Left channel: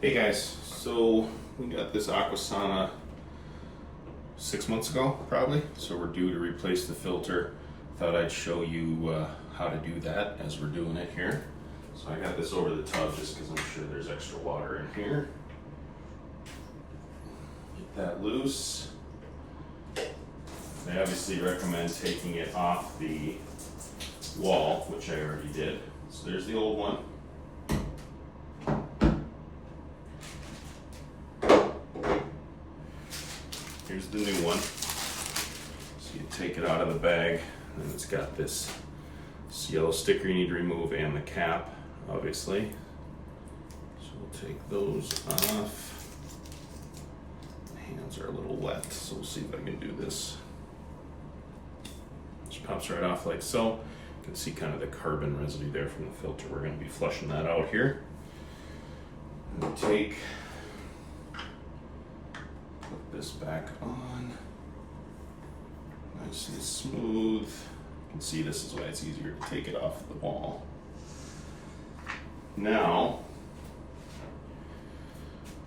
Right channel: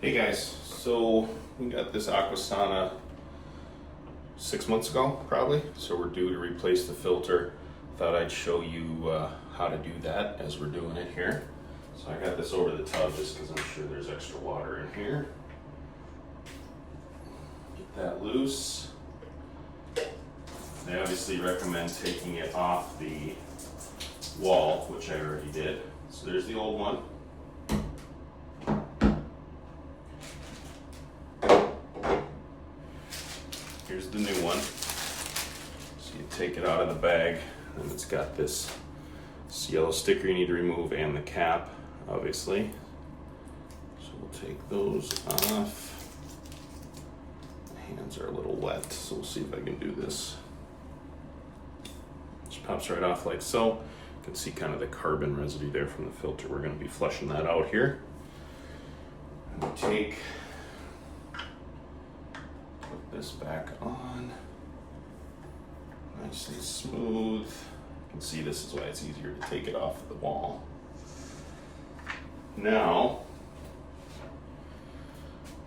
Hey guys, so we got this Aquasana 6 months ago, probably. So we're due to replace the filter. Thought I'd show you how to do that as we're doing it here. So I got this over the tub just because I'm sure there's extra water in here. Get that loose. They obviously recommend taking it off the wall, which I already did. So there's the old one. Here's the new one. So you take it out of the bag, and it's got this yellow sticker you need to remove and the cap, obviously. So we'll take those off. My hands are a little wet, so we'll see if I can do this. Just pops right off like so. You can see kind of the carbon residue there from the filter. We're going to be flushing that out here. And we'll take this back on, nice and smooth. You can see this is why it's easier to take it off the wall. Now,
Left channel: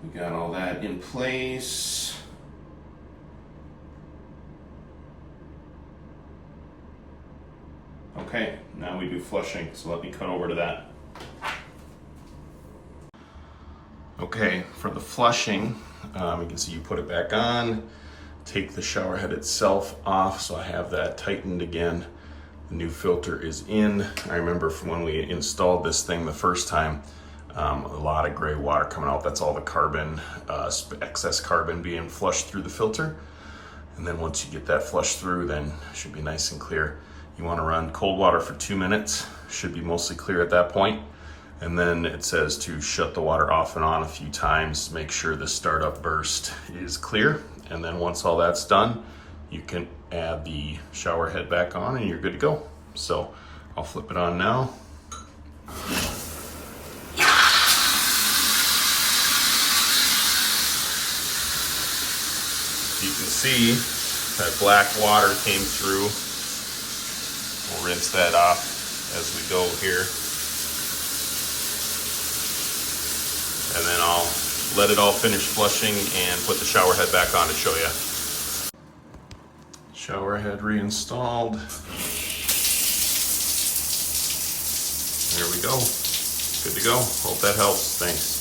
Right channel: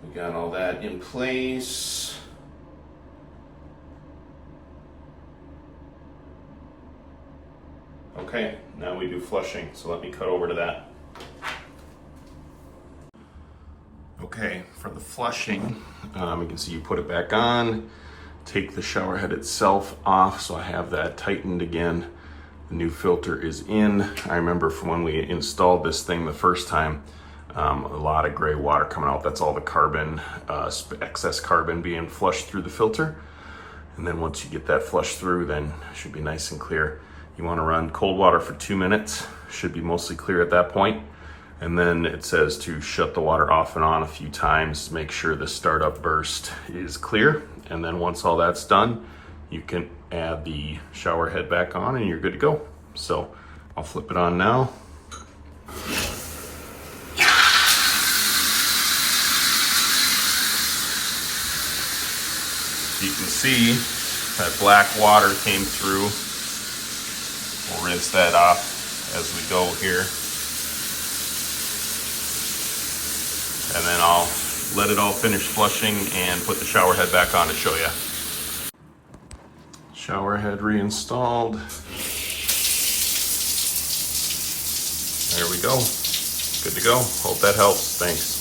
we got all that in place. Okay, now we do flushing, so let me cut over to that. Okay, for the flushing, you can see you put it back on, take the shower head itself off, so I have that tightened again. The new filter is in. I remember from when we installed this thing the first time, a lot of gray water coming out. That's all the carbon, excess carbon being flushed through the filter. And then once you get that flushed through, then it should be nice and clear. You want to run cold water for 2 minutes. Should be mostly clear at that point. And then it says to shut the water off and on a few times, make sure the startup burst is clear. And then once all that's done, you can add the shower head back on and you're good to go. So I'll flip it on now. You can see that black water came through. We'll rinse that off as we go here. And then I'll let it all finish flushing and put the shower head back on to show you. Shower head reinstalled. There we go. Good to go. Hope that helps. Thanks.